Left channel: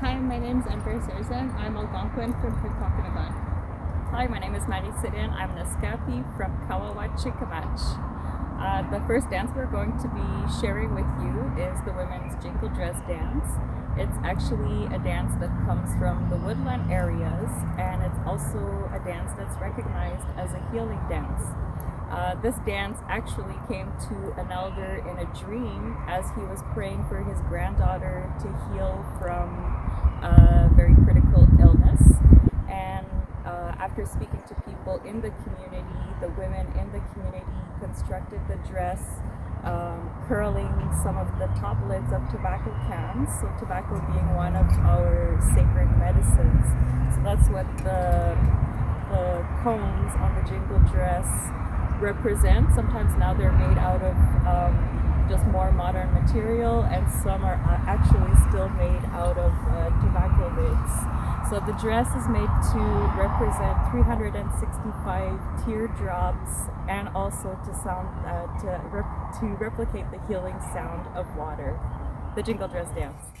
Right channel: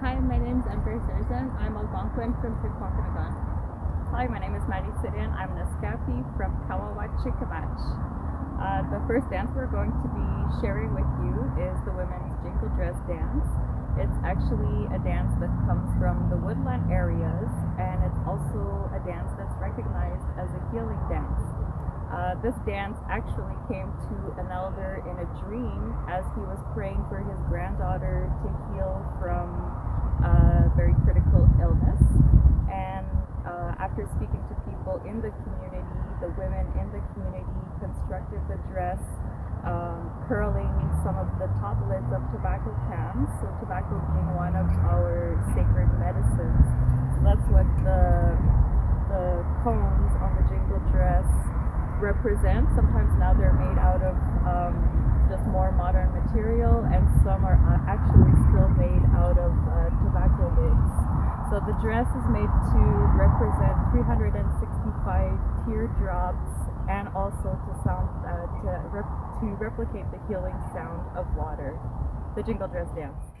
Hi, my name is Ember Serzen. I'm Algonquin from Pikwakanagan. Hi, my name is Maddie Sidian. I'm an Escapi from Kawawachikimach. The first dance we're going to be sharing with you is the women's Jingle Dress dance. It's actually a dance that comes from the woodland areas, and it's also a dance that's recognized as a healing dance. This dance actually came to an elder in a dream as he was praying for his granddaughter to heal from a very critical illness. And after speaking to people in the community, the women in the community constructed the dress, curling some of the top lids of tobacco cans, so tobacco being one of our sacred medicines. So that's what the cones on the jingle dress represent. Sometimes now they're made out of just more modern material, and some are actually still made out of tobacco lids. So the dress is made to represent 365 teardrops, and also to replicate the healing sound of water. The Jingle Dress dance.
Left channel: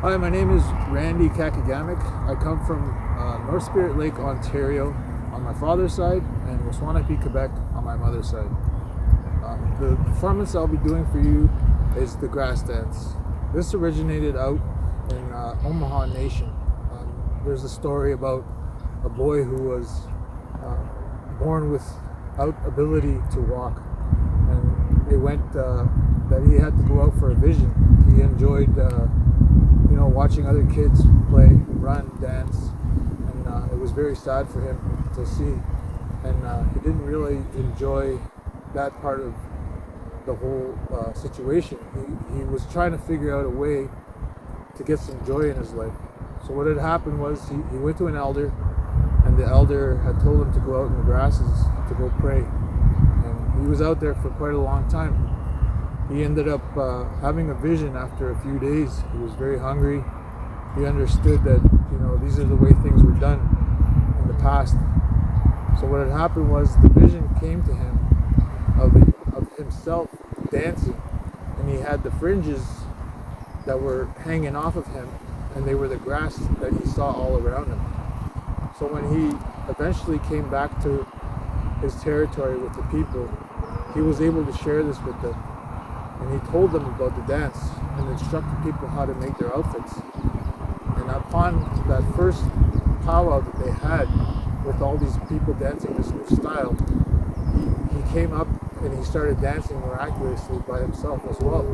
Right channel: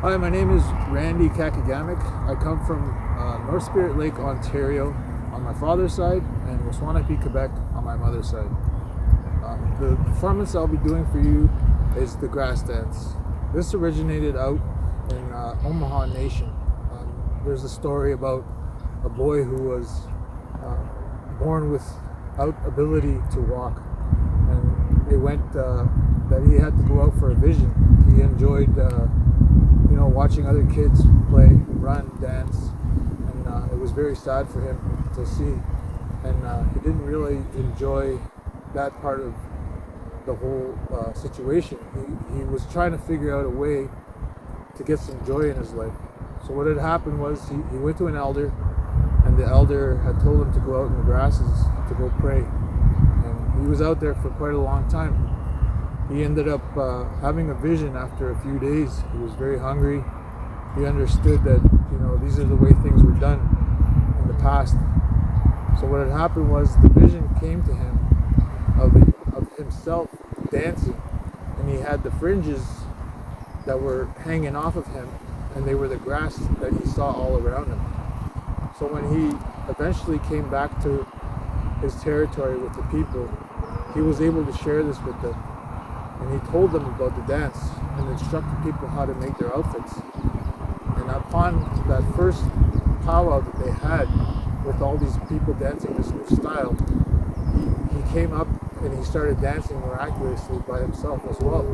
Hi, my name is Randy Kakagamic. I come from North Spirit Lake, Ontario on my father's side, and Waswanipi, Quebec on my mother's side. The performance I'll be doing for you is the grass dance. This originated out in Omaha Nation. There's a story about a boy who was born without ability to walk, and it went that he had to go out for a vision. He enjoyed watching other kids play, run, dance, and it was very sad for him to see. And he didn't really enjoy that part of the whole situation. He was trying to figure out a way to get some joy in his life. So what had happened was he went to an elder, and the elder had told him to go out in the grasses to go pray. And he was out there for quite a long time. He ended up having a vision after a few days. He was very hungry. He understood that, these are the way things were done in the past. So what had happened was the vision came to him of himself dancing, and he had the fringes that were hanging off of him, and they were the grass that he saw all around him. So when he eventually came back to his territory with the people, he was able to share this with them. And he told them about the dance and instructed people how to make their outfits. And upon that first powwow that they had with all these people dancing this new style, he came up and he started dancing miraculously by himself as well.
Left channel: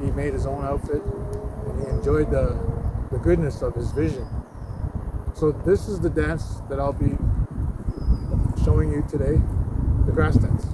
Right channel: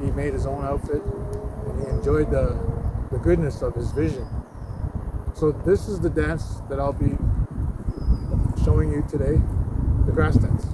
He made his own outfit and he enjoyed the goodness of his vision. So this is the dance that I'll be showing you today, the grass dance.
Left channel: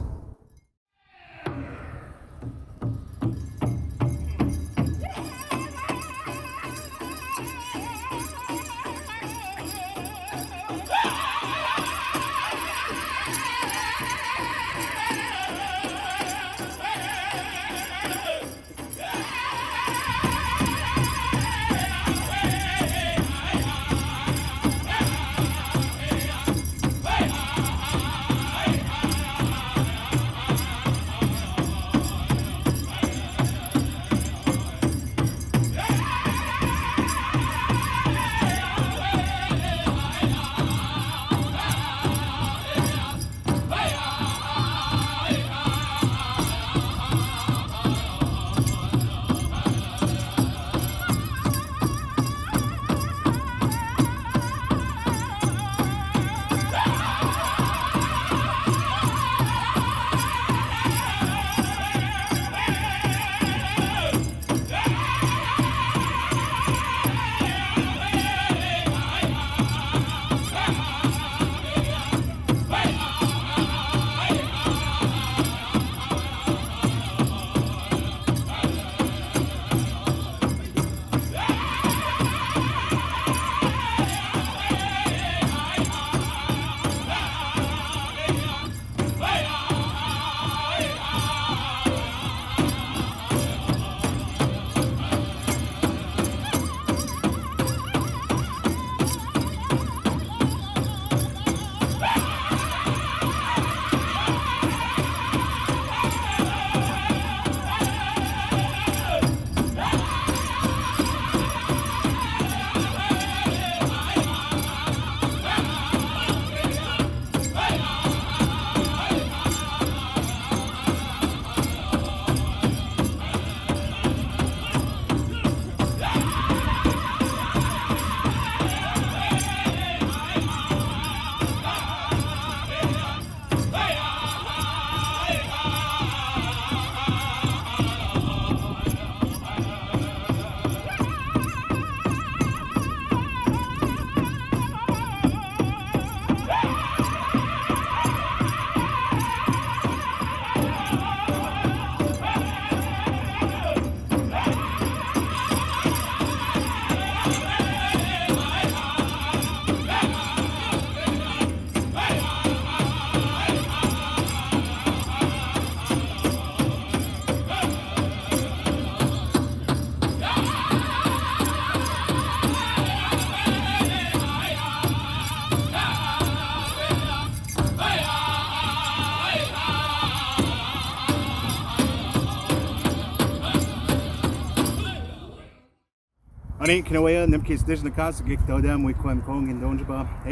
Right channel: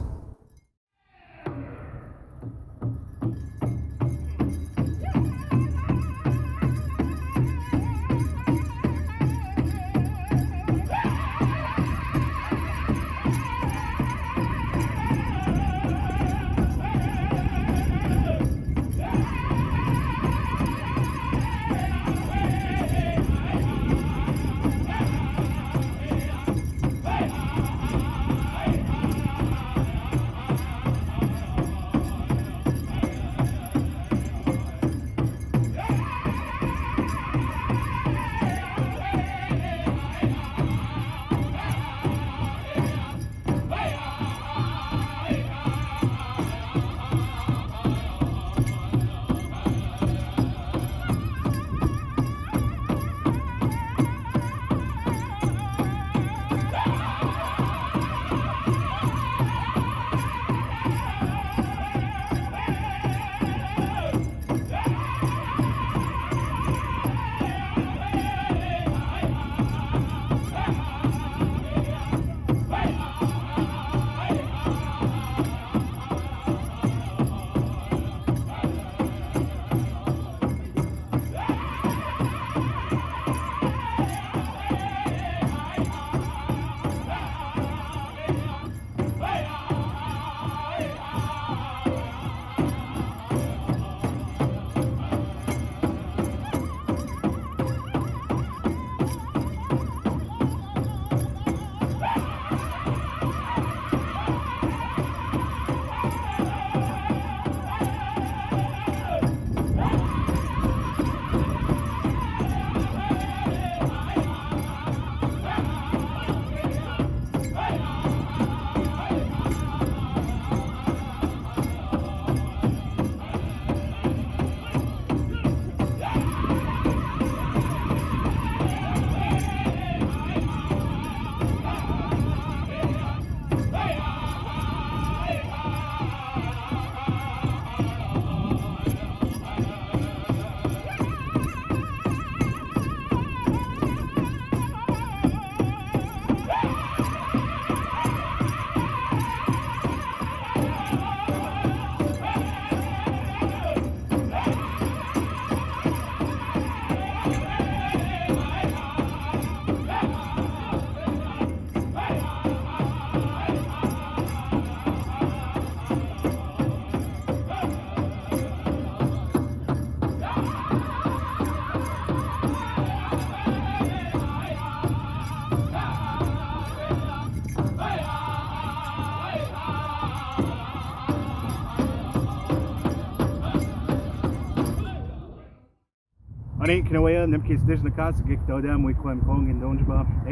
Hey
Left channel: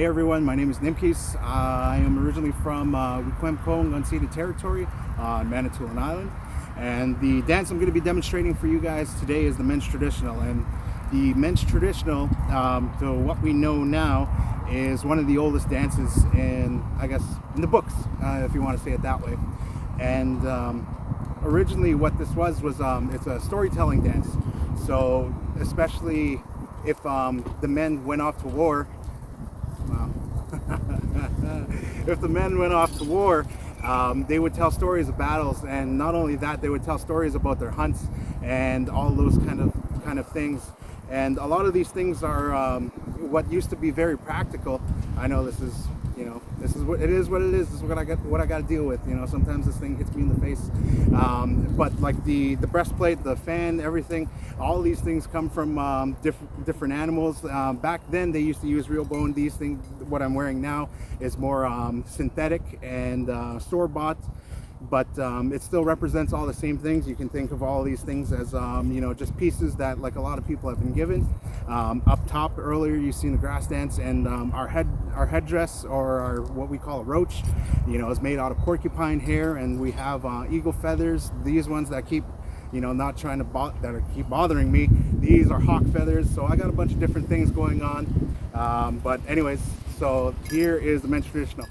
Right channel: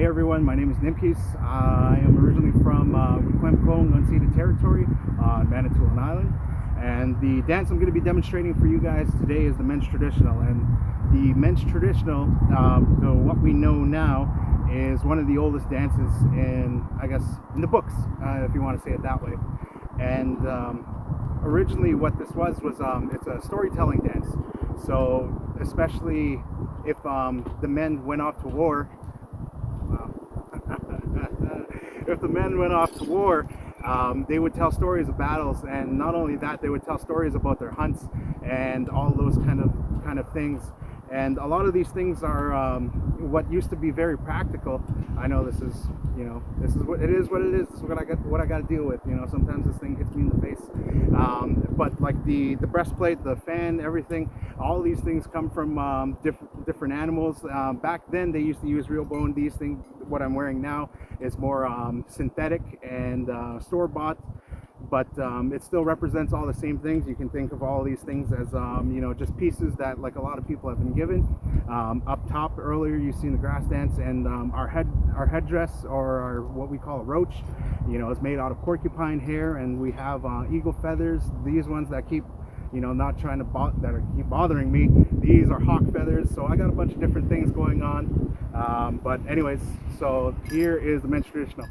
everyone, my name is Nimkis. I am originally from Wikwemkong unceded territory on Manitoulin Island, and the dance I'm going to be demonstrating for you guys today is the men's traditional. And the men's traditional, so what we know now, is one of the oldest dances in, I guess, in the books, if you want to say it that way. And originally what this was it's a storytelling dance. So especially if the men went off to war, wow. If the men went off to war, they would tell stories of battles, and not only that, they would tell stories about their hunts and all those kind of things. And a lot of these things are what used to be very practical. I know this is, this is what it is. This is what I got to deal with. Sometimes this thing hits me in the face. But like the breastplate, the fan, everything, all these things come from different animals. Back then they used to use real bone. These things, what I'm wearing now, is more synthetic and store-bought. But it still represents all the same things. You can think of all these things as just pieces that, like, a lot of people have been given. Up top earlier you've seen the grass dance, and our headdress, or our, what we call a roach, is made out of porcupine hair, and we have eagle feathers. These ones that keep not trying to keep bothering me, these are hawk feathers. So I got a bunch of different things going on, but anyways, so here is the men's traditional.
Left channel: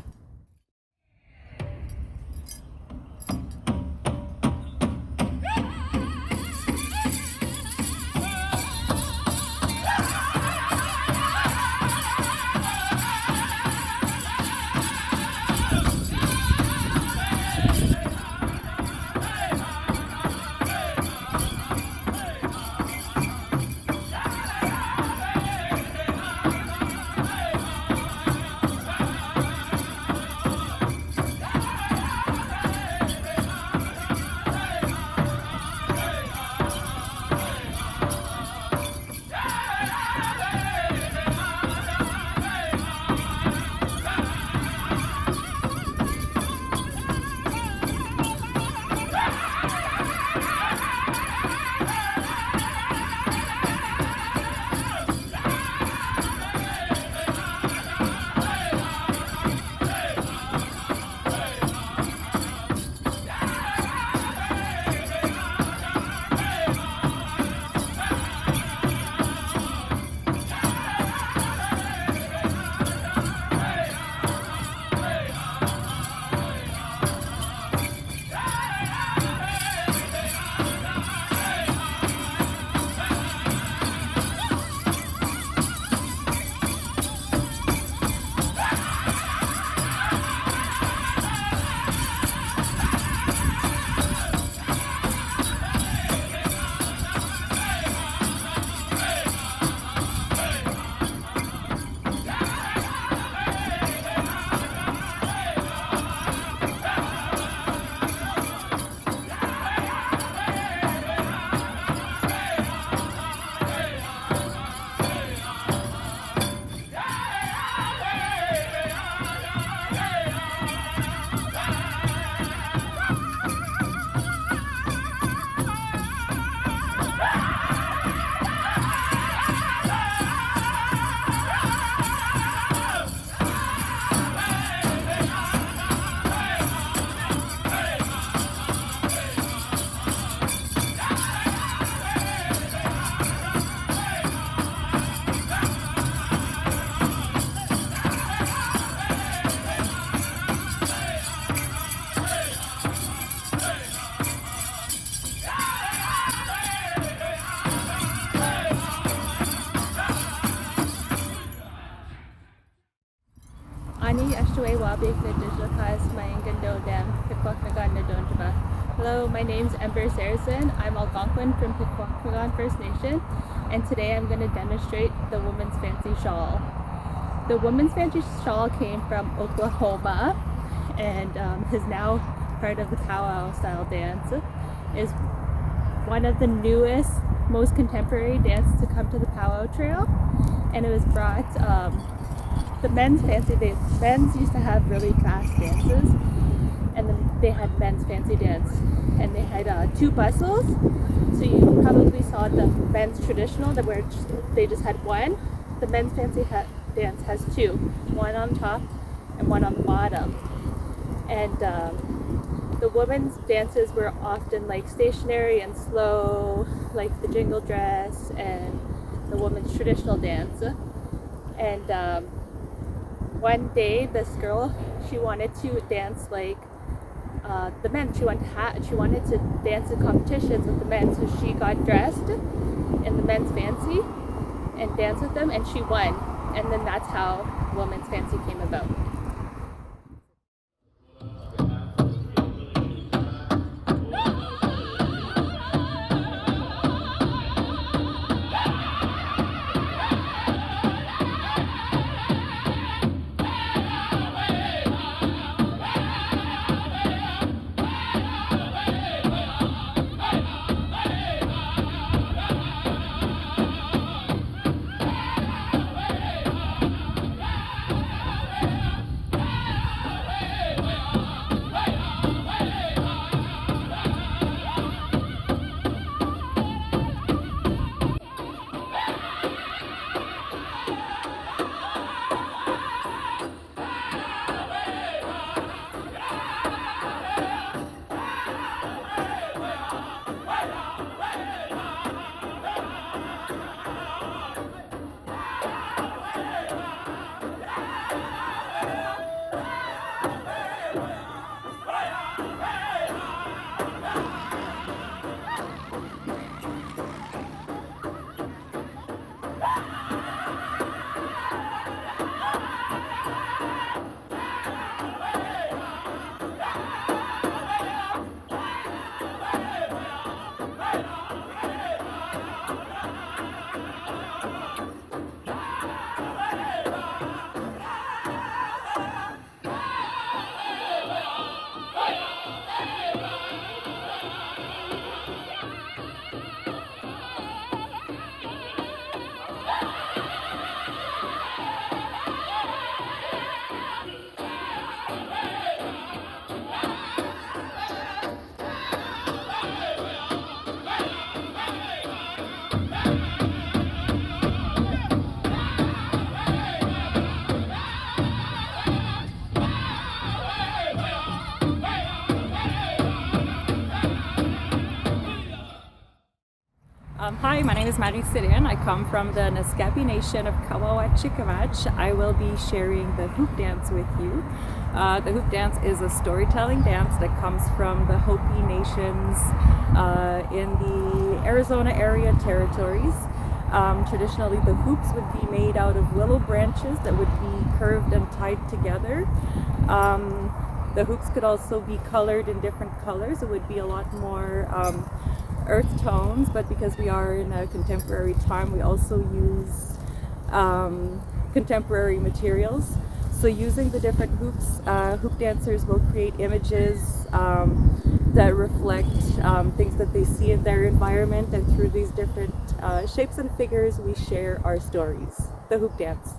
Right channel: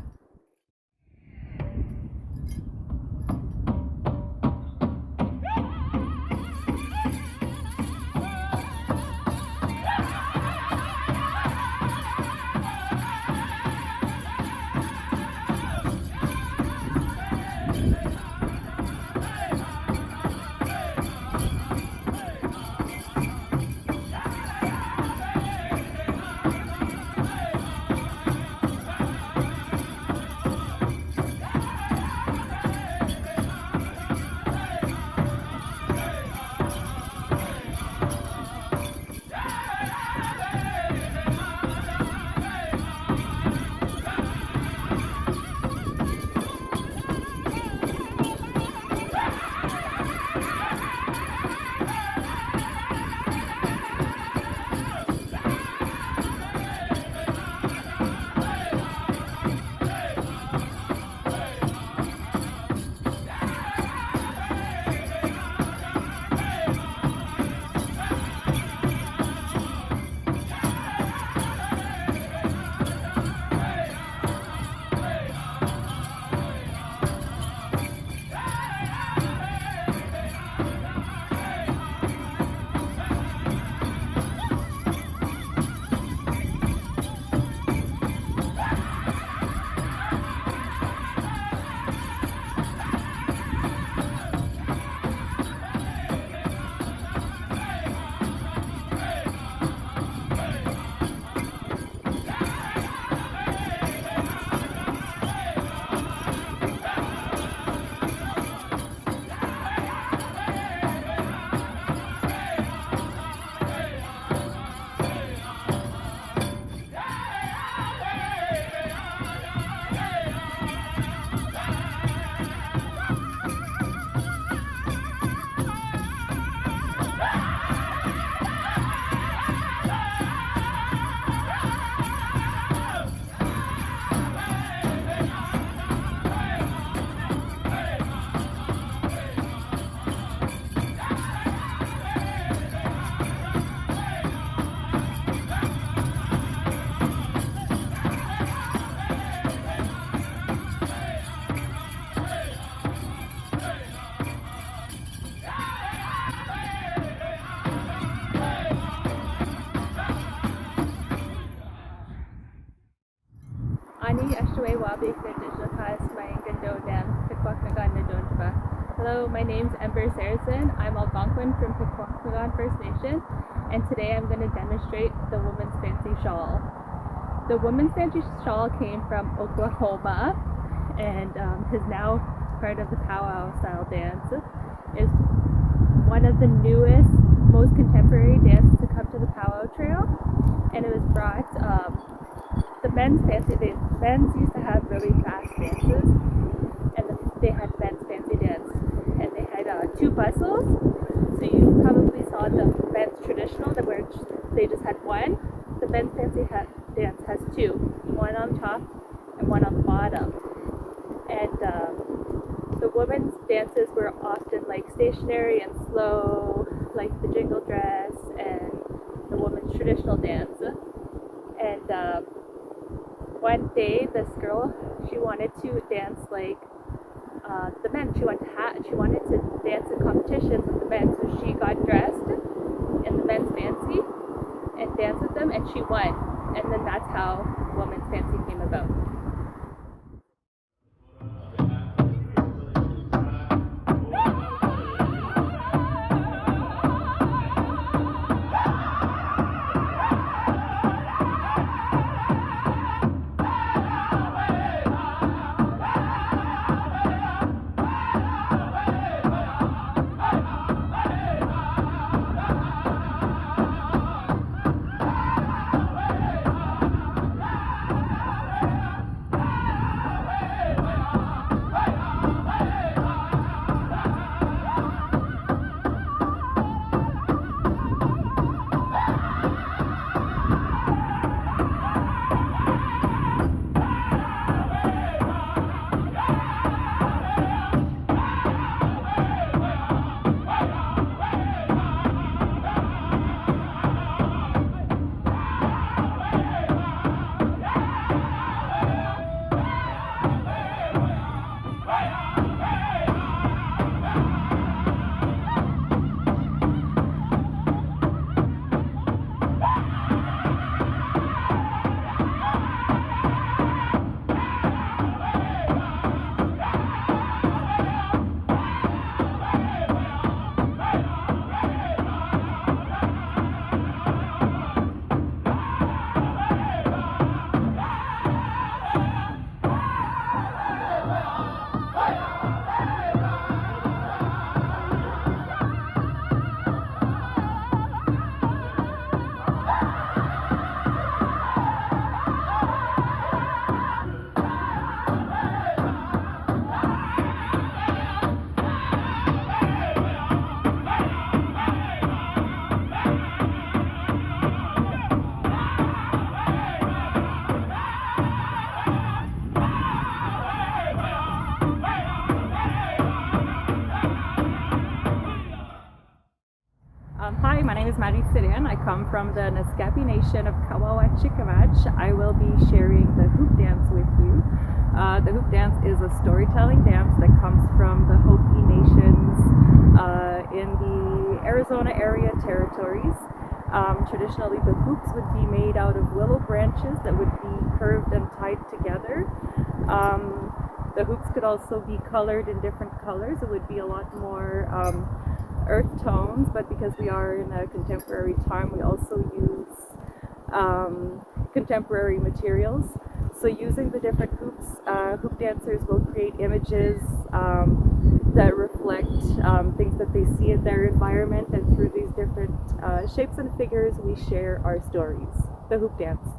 Hello, my name's Ember Saracen. I'm Algonquin from Pikwakanagan First Nation, and today I'm going to demonstrate the woman's fancy shawl. The woman's fancy shawl came from Oklahoma and is now part of the powwow style dance. Is one of the newest, most contemporary dances to come to the powwow trail, and it was brought the men's fancy dance. Men's used to have really fast dances, and then they had men's fancy dance, and they had two bustles. So you probably saw the men's traditional, where they just had one. The men's fancy dance has two, one on top and one on the bottom. And the women's dances were often like stationary and slow, like the Jingle Dress and the women's traditional dance. And one day, this girl, she wanted to dance like the men. She wanted to dance in competitions with the men, so she got dressed in the men's fancy and danced with them, and she won. And then that's how women's fancy came about. Hi, my name is Marie-Céline. I come from the Naskapi Nation of Kawawa-Chikamach. I will be sharing the hoop dance with you. The hoop dance is a storytelling dance that comes from the Hopi Nations in the Arizona area territories. Traditionally, the hoops would be made out of willow branches that would be curved and tied together. The hoops could also be colored in different colors. It would be a lot more earth tones, but because we are in a contemporary time, we also use contemporary materials. So using the different hoops, hoop dancers will create images that reflect things that they see in their environment, and through these different shapes and figures, we share our stories. The hoop dance.